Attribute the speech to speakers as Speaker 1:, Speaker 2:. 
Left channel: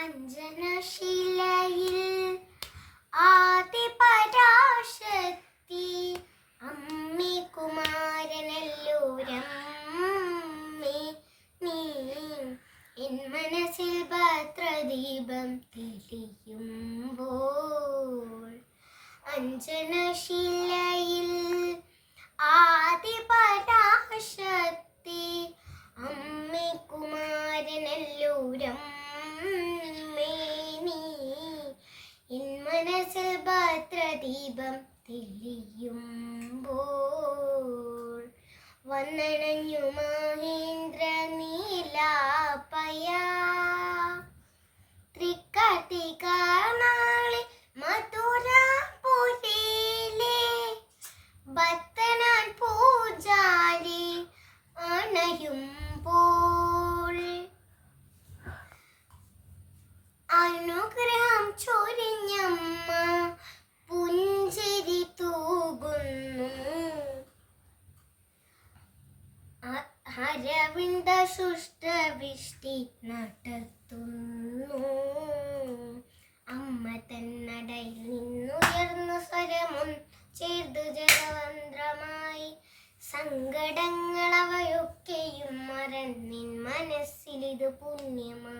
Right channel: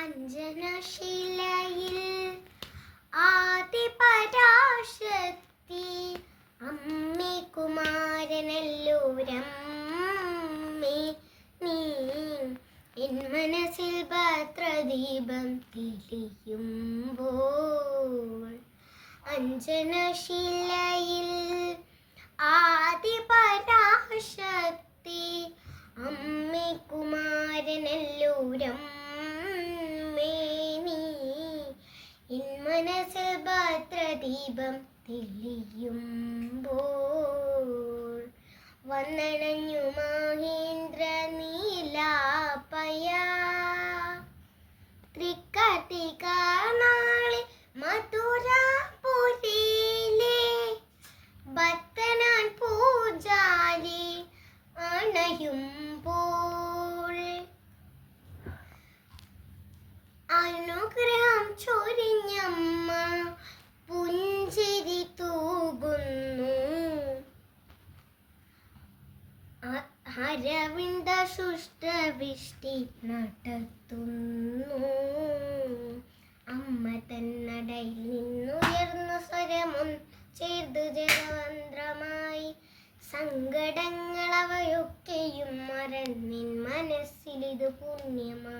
Speaker 1: അഞ്ജനശിലയിൽ ആദിപരാശക്തി അമ്മി കുമാരനല്ലൂരമ്മേ നീ എൻ മനസ്സിൽ ഭദ്രദീപം തെളിയുമ്പോൾ അഞ്ജനശിലയിൽ ആദിപരാശക്തി അമ്മി കുമാരനല്ലൂരമ്മേ നീ എൻ മനസ്സിൽ ഭദ്രദീപം തെളിയുമ്പോൾ വന്നണഞ്ഞു മഹേന്ദ്ര നീലാപ്പയ. തൃക്കാട്ടിക്കാണാളി മധുരാപുരിയിലെ ഭക്തനാൻ പൂജാരി അണയുമ്പോൾ. അനുഗ്രഹം ചൊരിഞ്ഞമ്മ അരവിന്ദ ശുഷ്ടവൃഷ്ടി നടത്തുന്നു. അമ്മ തന്നടയിൽ നിന്നുയർന്ന സ്വരമും ചേർതു ജലവന്ത്രമായി സങ്കടങ്ങൾ അവയൊക്കെയും മറന്നിൻ മനസ്സിലിത് പുണ്യമാ